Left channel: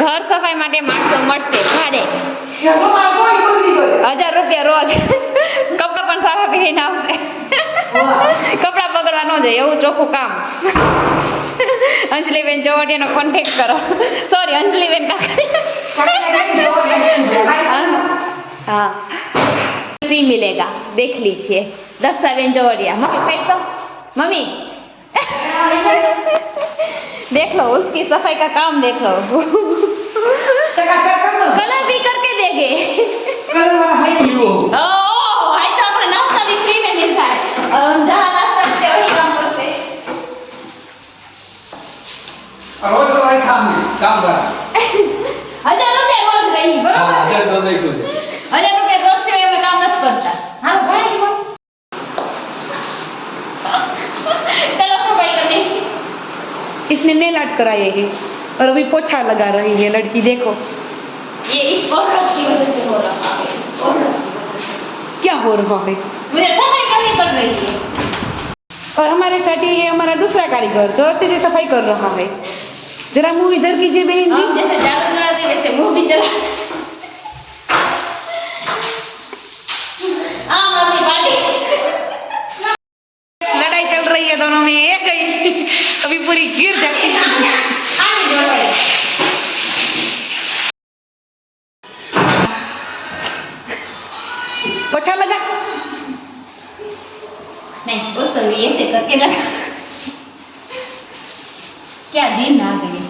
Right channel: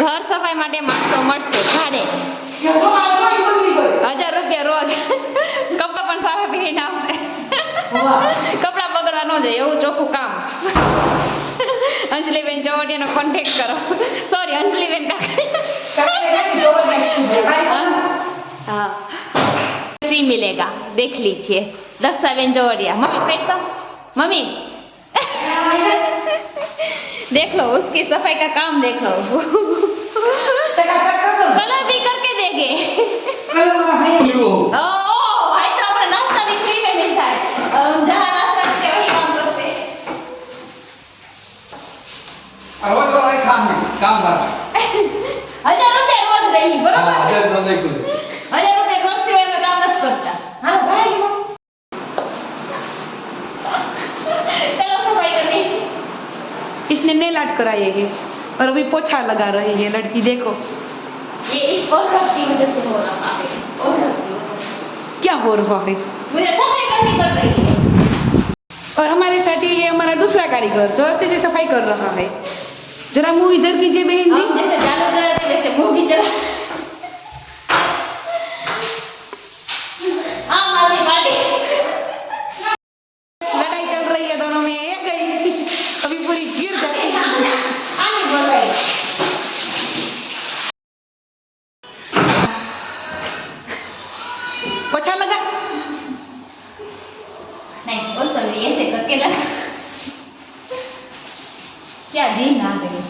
ઘર સફાઈ માટે માણસો મળશે ભાડે 1000 રૂપિયા રોજ. કપડા પણ સારા પહેરીને આવશે. કપડા બગડવા ન જાય એવું ચોખ્ખું કામ. અંજલિબેન ચોવડિયાનો કોન્ટેક્ટ કરો. સોરી અંજલિબેન કાકા. हाँ फ्री मिलेगा देख लीजिए. दक्षाबेन जोड़िया मम्मी फेंक दो मम्मी. देख लो उसकी सफाई का काम देख लो. कलर भी करके देंगे. ओह भाई तो अपना नाश्ता भी फ्री में मिलता है और हम जहाँ नाश्ता करते हैं वही काम करते हैं. रोज भाई काम करा 1000 रुपया रोज रही बरोबर. 1000 रुपया रोज से वो काम मत करता. हां भाई चलो सफाई करने. इसने नेल आर्ट कराए है और अभी पोछा लगा रही है लड़की. देखो ये इस औरत की वजह से हो रहा है. औरत की वजह से क्या हो रहा है. मुझे सफाई करनी पड़ रही है. और हमारे साथ ये हमारा दूसरा कारीगर जो अच्छे से सफाई कर रहा है. जरा मुंह इधर कीजिए बहन जी. हम जैसे जालू चलाते वैसे मुंह भी चला. लड़ाई चल रही है दोनों में. एक गई अभी पूरी गिर जाती है. पोछा लगा नहीं वो सब ऐसे करके लगा. क्या दिन आ गई.